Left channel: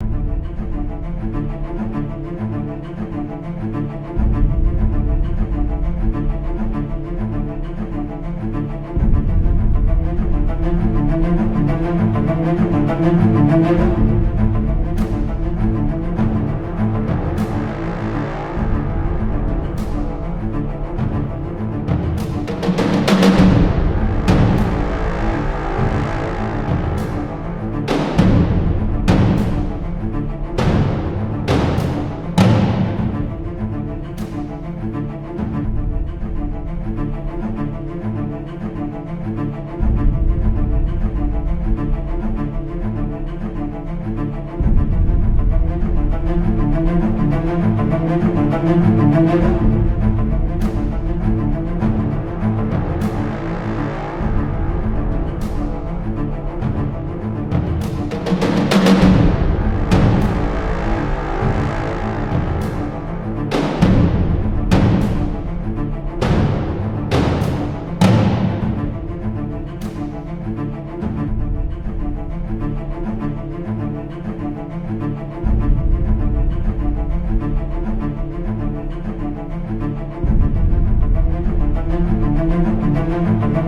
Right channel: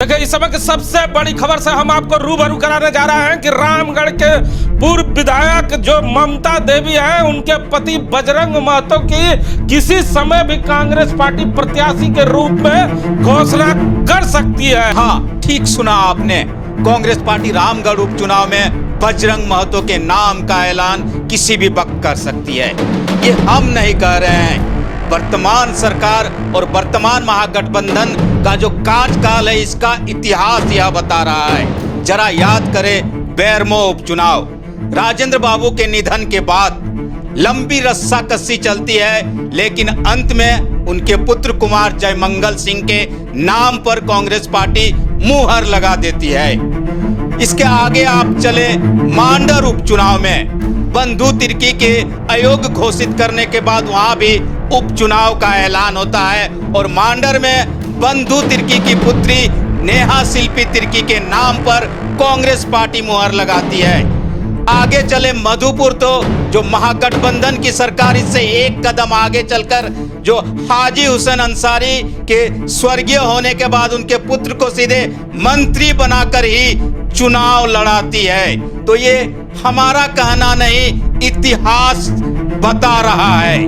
देखिए, इस समय की सबसे बड़ी खबर से हम आपको रूबरू कराने जा रहे हैं कि रामगढ़ के पूर्व विधायक जो ममता देवी हैं, उनके पति बजरंग महतो की किसी समय भी कांग्रेस पार्टी प्रत्याशी के रूप में घोषणा कर सकती है। हाँ, ठीक सुना आपने। कांग्रेस पार्टी रामगढ़ उपचुनाव में बजरंग महतो के नाम का ऐलान किसी भी वक्त कर सकती है। ये हम नहीं कह रहे हैं, वर्तमान सरकार और वर्तमान महागठबंधन का जो कार्यकाल है, इसका इतिहास यह बता रहा है। जरा याद करें बेरमो उपचुनाव। राजेंद्र बाबू के निधन के बाद लंबी रस्साकसी चलती है, लेकिन अंत में उनके पुत्र कुमार जयमंगल सिंह के नाम पर कांग्रेस पार्टी मुहर लगा देती है। इसके आगे आप चले मांडर उपचुनाव में बंधु तिर्की के अयोग्य घोषित करने के बाद वहां भी उपचुनाव का ऐलान होता है और मांडर में बंधु तिर्की की पुत्री नेहा शिल्पी तिर्की के नाम पर कांग्रेस पार्टी मुहर लगाती है। आगे चले मधुपुर, तो जो महागठबंधन की सरकार इससे एक कदम आगे चलकर जो हाजी हुसैन अंसारी के स्वर्गीय होने के बाद उनके पुत्र को सीधे मंत्री बनाकर ही चुनाव लड़ाती है। तो ये हमारा कहना नहीं, इतिहास बता रहा है।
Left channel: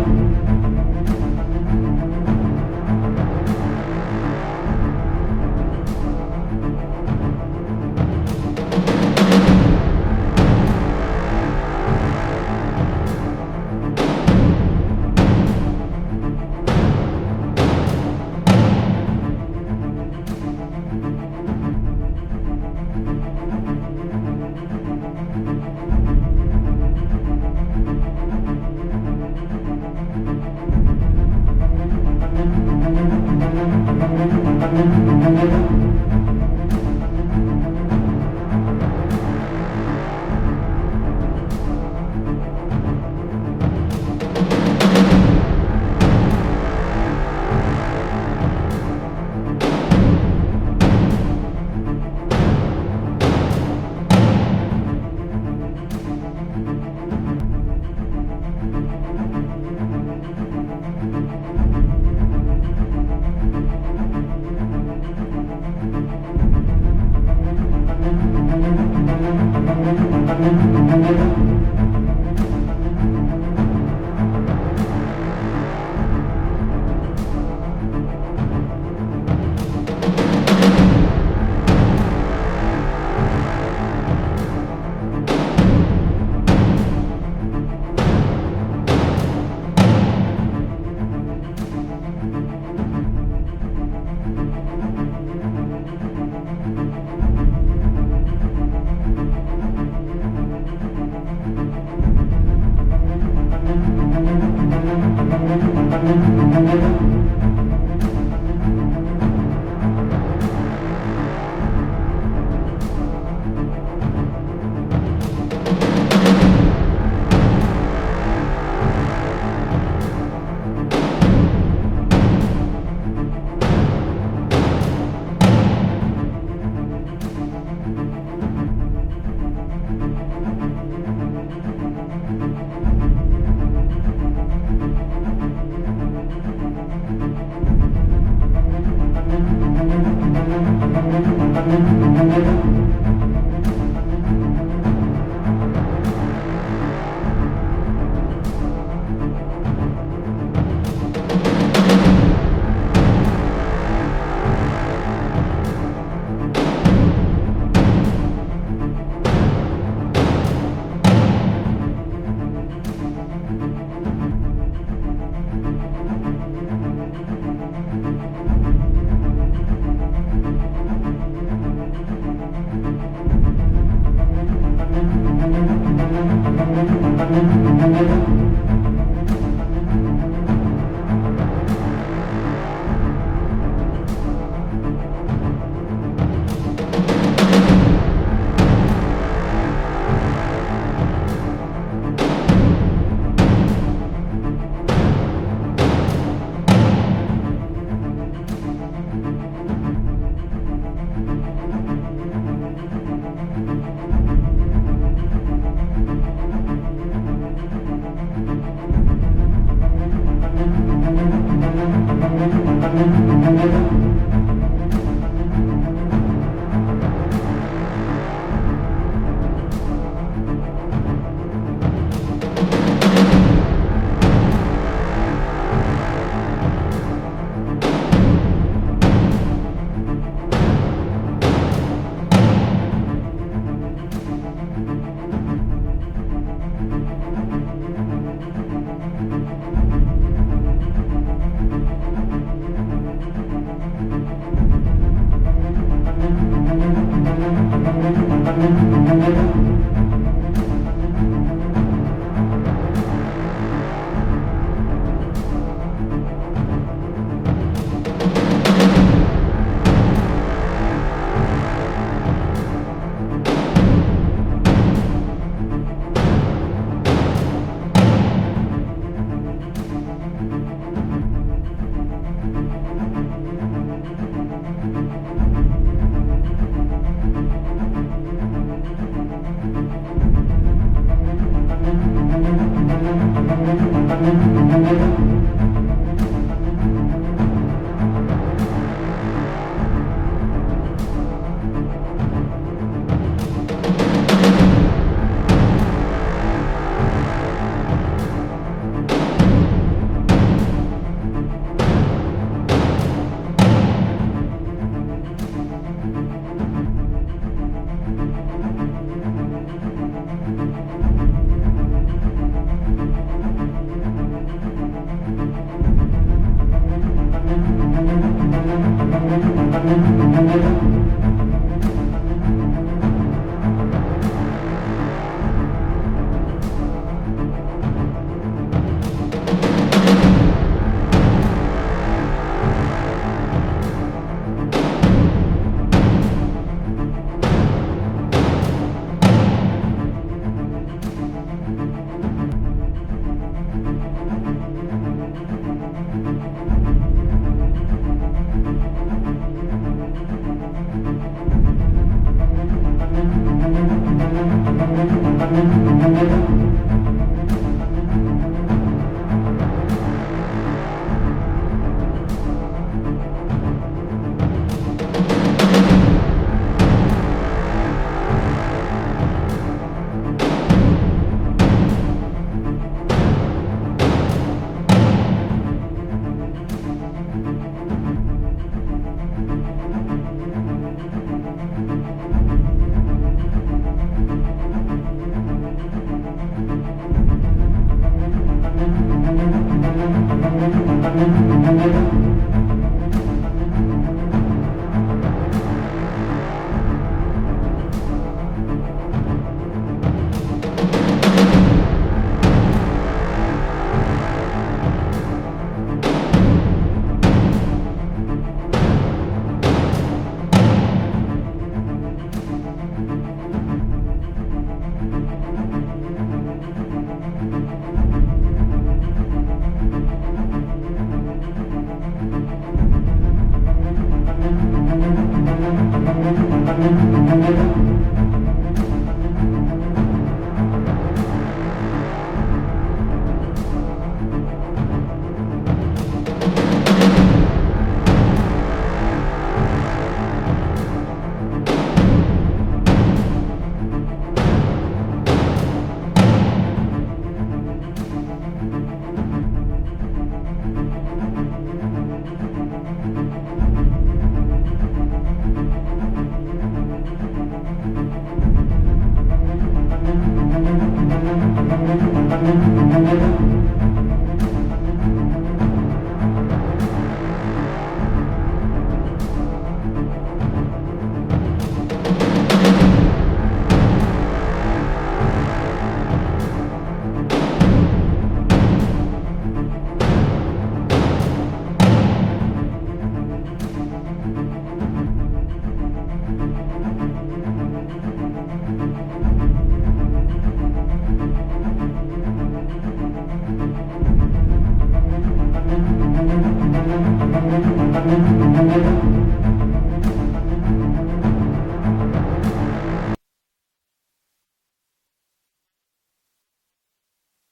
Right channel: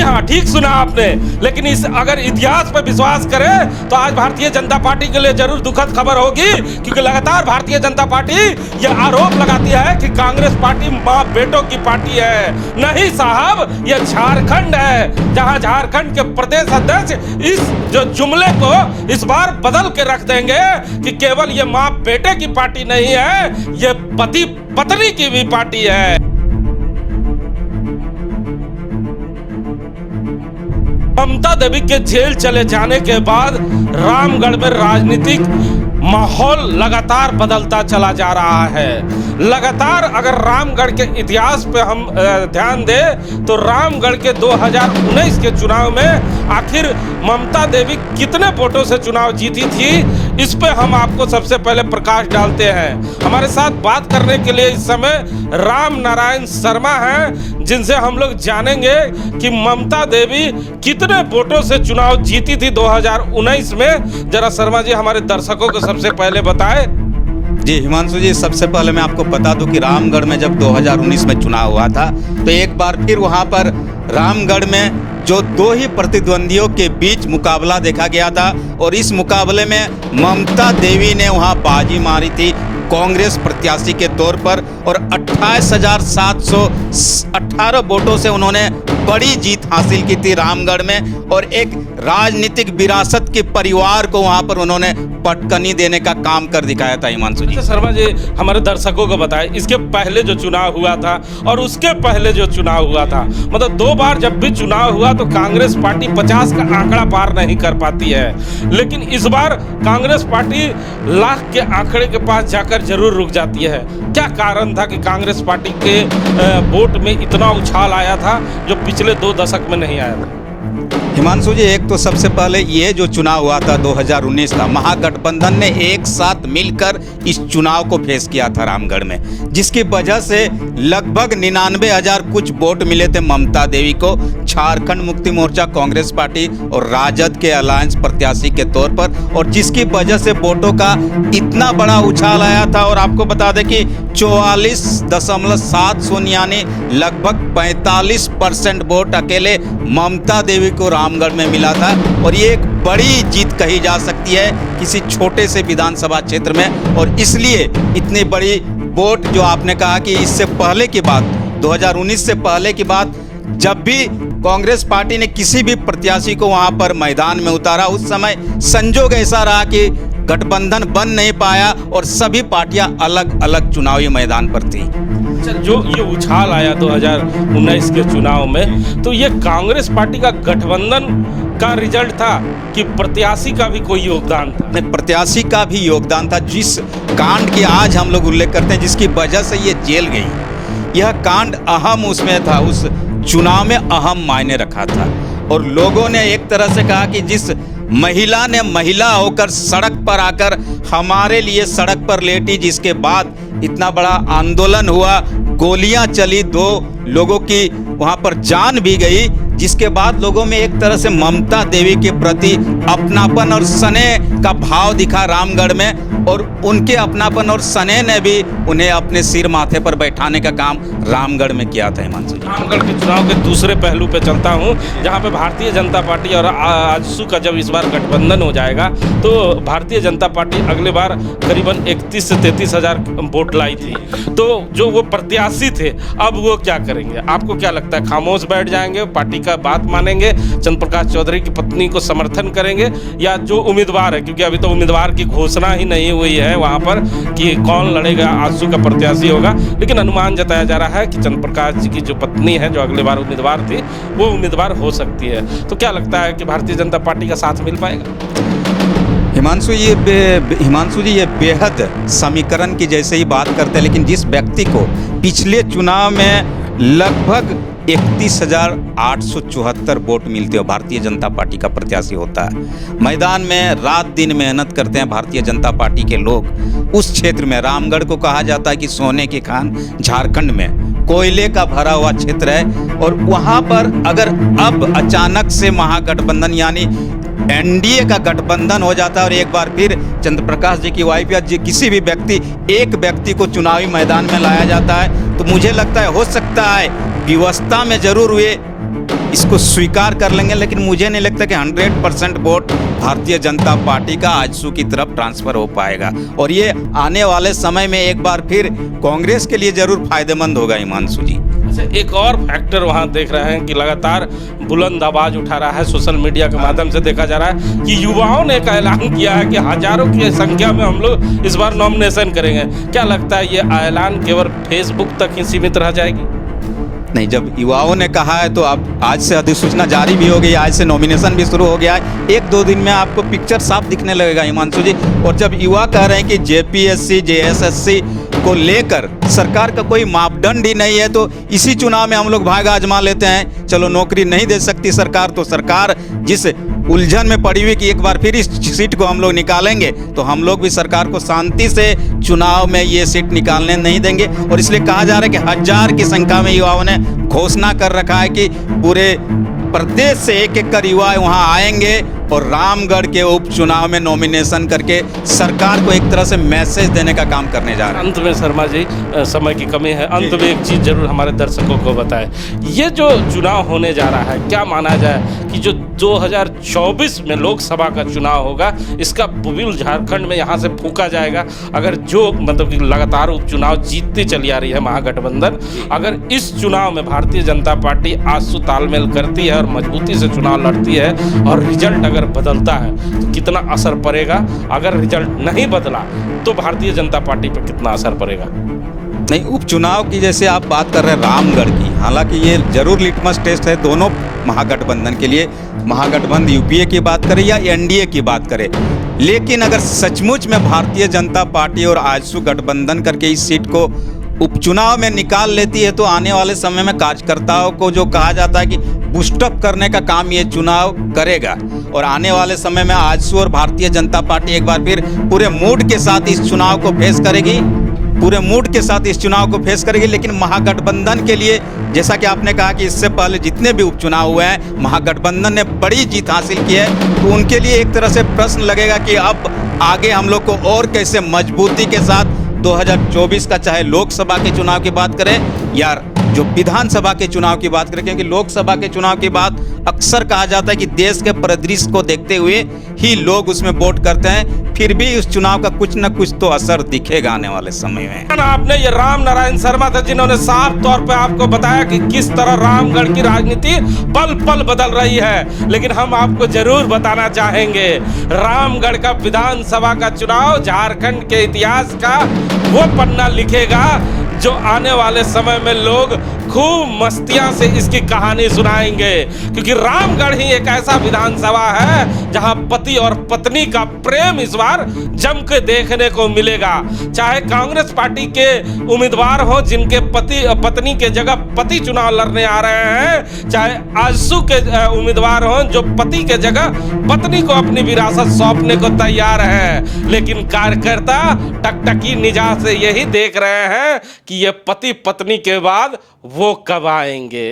हाँ, ठीक सुना आपने। लेकिन अगर इतिहास पर विश्वास करें तो आज भारतीय जनता पार्टी के लिए जरूर दुखद खबर होगी, क्योंकि लगातार भारतीय जनता पार्टी यह आरोप लगाती है कि कांग्रेस पार्टी मां बेटों की पार्टी है। नहीं साहब, यह झारखंड है, जहां झारखंड के प्रदेश अध्यक्ष इस जो जुमले को इस बार बदल के रख देंगे कि केवल ये मां बेटे की पार्टी नहीं है, ये पति पत्नी की भी पार्टी है। ममता देवी के जेल चले जाने के बाद रामगढ़ में राजनीतिक माहौल लगातार बदलता चला जा रहा है। लगातार अगर रामगढ़ के इतिहास पे हम ध्यान दें तो रामगढ़ के 2019 के चुनाव में आखिर ममता देवी कितने वोटों से चुनाव जीती थी, इस पे हम आपको सबसे पहले प्रकाश डालते हैं। हमारे साथ बात करने के लिए इस समय राम नारायण शर्मा हैं, जिनसे हम लोग जानेंगे कि ममता देवी कितने वोटों से चुनाव जीती थी 2019 में। जरा शर्मा जी हमारे दर्शकों को सबसे पहले बताएं। जी हिमांशु जी, सबसे पहले मैं आपको बता दूं कि रामगढ़ में जब 2019 में चुनाव हुआ था तो एक बार फिर वहां पर रामगढ़ में जो दो ही प्रतिद्वंदियों के बीच मुकाबला देखा गया था और इस मुकाबले में ममता देवी ने वहां बाजी मारी थी कांग्रेस प्रत्याशी के तौर पर और 28,718 वोटों से उन्होंने बड़ी जीत हासिल की थी रामगढ़ में और एक राजनीतिक विरासत के परिवार को वहां पर उन्होंने पटकनी देने का काम कर दिखाया था। हिमांशु जी, शर्मा जी हमारे दर्शकों को बताएं, इसके पहले जो चुनाव हुआ था और उसके पहले जो चुनाव हुआ था, मतलब 2 बार जब भी चुनाव हुआ तो कांग्रेस पार्टी 50 का आंकड़ा पार नहीं कर पाती है, लेकिन इस बार कांग्रेस पार्टी लाख के आंकड़े के पास जाकर जरूर रुक जाती है। क्या कारण था कि कांग्रेस पार्टी के वोट में इतना उछाल आया था जो पिछले 2 दशक में नहीं आया था? हिमांशु जी, एक तो सबसे पहले ये जो चुनाव हुआ था 2019 का, महागठबंधन ने एक साथ मिलकर इस चुनाव को फेस किया था रामगढ़ में, जिसकी वजह से लगभग 99,000 कुछ वोट मिले थे ममता देवी को झारखंड मुक्ति मोर्चा कांग्रेस पार्टी और राजद के अलायंस प्रत्याशी के तौर पर, और जिसकी वजह से वोटों का इतना बड़ा उछाल आया था। और आपको बता दें कि 44.7 यानी लगभग 45% वोट अकेले ममता देवी को रामगढ़ में मिला था और ये एक बड़ी जीत कही जा सकती है किसी छोटे से विधानसभा क्षेत्र में। और इसलिए इतनी बड़ी वोट जो आपने कहा कि इससे पहले की बात, 2019 से पहले की बात, जब भी कांग्रेस पार्टी ने किसी भी प्रत्याशी को वहां पर मैदान में उतारा, उस समय संजोग ऐसा रहा कि गठबंधन बन नहीं पाया और सभी पार्टियां अलग अलग चुनावी मैदान पर थी। जो ये उछाल आया 2019 के चुनाव में, तो ये कांग्रेस पार्टी का गठबंधन का रिजल्ट था कि प्रत्याशी का भी कोई योगदान था? नहीं, प्रत्याशी का भी योगदान था। जिस कांड की आज हम लोग उल्लेख करते हैं, जिसकी वजह से ये जेल गई, यह कांड अहम उसमें था, उस चुनाव में अहम मायने रखा था। और लोगों ने एक तरह से कहा कि जिस महिला ने महिला होकर सड़क पर आकर हमारे लिए सड़क पर लेटी, जिसके बाद इतना बड़ा आंदोलन हुआ, गोलियां चली, 2 लोगों की वहां पर जान भी गई, जिसके बाद लोगों में एक तरह से ममता देवी के प्रति अपनापन और स्नेह का भाव दिखा रामगढ़ में, और उनके अपनापन और स्नेह ने भी उन्हें अपने सिर माथे पर बैठाने का काम रामगढ़ में किया था। हिमांशु, रामगढ़ के चुनाव के दूसरे पहलू पे चलता हूँ, जहाँ पे भारतीय जनता पार्टी और आजसू का जब इस बार गठबंधन हो जाएगा तो भारतीय जनता पार्टी अगले बार करीबन 31 से 33 हज़ार वोट लाई थी। तो जो वो प्रत्याशी थे अब वो क्या करेंगे? आपको क्या लगता है, खामोश बैठ जाएंगे, पार्टी का बात मानेंगे, चंद्र प्रकाश चौधरी की पत्नी को समर्थन करेंगे, या जो उम्मीदवार है, क्योंकि अभी तो उम्मीदवार की घोषणा ही नहीं हुई है वहाँ पर कि कौन लड़ेगा, आजसू का प्रत्याशी होगा, लेकिन अनुमान जताया जा रहा है कि चंद्र प्रकाश जी की जो पत्नी है जो अगले बार उम्मीदवार थी वो उम्मीदवार हो सकती है। तो क्या लगता है कि भारतीय जनता पार्टी का साथ मिल पाएगा? हिमांशु जी ये बेहद समीकरण की जैसे ही बात करते हैं, लेकिन जिस व्यक्ति को पिछले चुनाव में लगभग 31,874 वोट मिलते हो भारतीय जनता पार्टी का प्रत्याशी होता है, मैदान में रात दिन मेहनत करते हैं भारतीय जनता पार्टी के लोग। उस क्षेत्र में रामगढ़ को कहा जाता है कि सोने की खान, झारखंड में कोयले का भरा हुआ क्षेत्र है, और वहां पर अगर अब अचानक से महागठबंधन यानी एनडीए का गठबंधन हो जाता है और एक बार फिर चंद्र प्रकाश जी की वाइफ या किसी भी एक व्यक्ति को चुनावी मैदान में लाया जाता है, तो मुझे लगता है हो सकता है व्यवस्था में जरूर वे इसको स्वीकार कर लेंगे, लेकिन मुझे नहीं लगता कि 100% वोट भारतीय जनता पार्टी का आजसू की तरफ ट्रांसफर हो पाएगा, और ये आने वाले समय में एक बार फिर कांग्रेस के लिए जरूर फायदेमंद होगा। हिमांशु जी, एक और फैक्टर वहां देख रहे हैं कि लगातार बुलंद आवाज उठा रहा है, सोशल मीडिया के माध्यम से देखा जा रहा है कि युवाओं ने एक ऐलान किया है कि हजारों की संख्या में हम लोग इस बार नॉमिनेशन करेंगे। क्या लगता है ये ऐलान केवल फेसबुक तक ही सीमित रह जाएगी? नहीं, जब युवाओं ने कहा है तो अब आज से अधिसूचना जारी भी हो गई, आज से नॉमिनेशन भी शुरू हो गया है, 1-2 दिन में आपको पिक्चर साफ दिखने लगेगा हिमांशु जी। और जब युवा कह रहे हैं कि जेपीएससी जेएसएससी को लेकर सरकार का कोई मापदंड ही नहीं है, तो इसी चुनाव में हम लोग भाग आजमा लेते हैं, चलो नौकरी नहीं दे सकती सरकार, तो सरकार जिस उलझन में पड़ी हुई कि एक बार फिर इस सीट को हम लोग निकालेंगे, तो हम लोग भी सरकार को शांति से चुनाव में ये सीट निकालने नहीं देंगे। और इसलिए कहा जा रहा है कि 1000 की संख्या में युवाओं ने घोषणा कर रखा है कि पूरे प्रदेश से एक कर युवा वहां आएंगे और रामगढ़ के उपचुनाव में नॉमिनेशन करके सरकार को एक तरह से मैसेज देने का काम करने जा रहे हैं। अंत में शर्मा जी, समय की कमी है, अंत में एक चीज़ जरूर हमारे दर्शकों को बताएं, ये जो चुनाव होने जा रहा है क्या माना जाए कि जो 2024 में लोकसभा का चुनाव होगा इसका बुबिल झारखंड में यहाँ से फूका जाएगा? अगर जो मतलब कि लगातार उपचुनाव जीतती चली आ रही है महागठबंधन, अगर इस चुनाव में भारतीय जनता पार्टी आजसू तालमेल करती है और मजबूती से चुनाव लड़ती है और रिजल्ट अगर बदलता है तो कितना असर पड़ेगा? अगर रिजल्ट नहीं बदला तो भारतीय जनता पार्टी पर कितना असर पड़ेगा? नहीं, उपचुनाव की जैसे आप बात कर रहे हैं रामगढ़ की, हालांकि ये जरूर लिटमस टेस्ट है दोनों महागठबंधन के लिए, महागठबंधन यूपीए की बात करें या एनडीए की बात करें, लेकिन अगर सचमुच में भारतीय जनता पार्टी और आजसू गठबंधन करके इस सीट को उपचुनाव में निकाल लेती है, तो आने वाले समय में कार्यकर्ताओं को जो कहा जाता है कि बूस्टअप करने का काम ये चुनाव करेगा, और आने वाले समय में आजसू और भारतीय जनता पार्टी एक बार फिर पूरे मूड के साथ इस चुनाव को फेस करेगी, लेकिन महागठबंधन के लिए जैसा कि आपने कहा कि इससे पहले जितने भी उपचुनाव हुए हैं महागठबंधन ने बड़ी जीत हासिल की है, तो उनके लिए एक तरह से प्रश्न लगेगा कि अब आगे हम लोग को और कैसे मजबूती के साथ 2024 का, चाहे लोकसभा के चुनाव की बात करें या जो विधानसभा के चुनाव की बात करें, क्योंकि लोकसभा के चुनाव की बात अक्सर कहा जाता है कि देश के परिदृश्य को देखते हुए ही लोग उसमें वोट करते हैं, फिर भी उस चुनाव का कुछ न कुछ तो असर दिखेगा आने वाले समय में। आपने ये राम नारायण शर्मा थे जिन्होंने साफ तौर पे आपको बताया कि किस तरह रामगढ़ की राजनीति पल पल बदल रही है, लेकिन हम आपको जरूर बताना चाहेंगे रामगढ़ का विधानसभा का चुनाव झारखंड के इतिहास का वो पन्ना लिखेगा जो आने वाले समय में लोग खूब मस्तियां से इसकी कहानी सुनाएंगे, क्योंकि रामगढ़ ही एक ऐसा विधानसभा है जहां पति और पत्नी का प्रेम इस बार जम के देखने को मिलेगा। चाहे कांग्रेस पार्टी के उम्मीदवार हो जिनके पत्नी के जगह पति चुनाव लड़ने आ रहे हैं, चाहे आजसू के उम्मीदवार हो जो पति के जगह पत्नी को अपनी विरासत सौंपने को तैयार है, लेकिन कार्यकर्ता टकटकी निगाह से यही देख रहे हैं कि ये पति पत्नी के बाद वो कब आएंगे।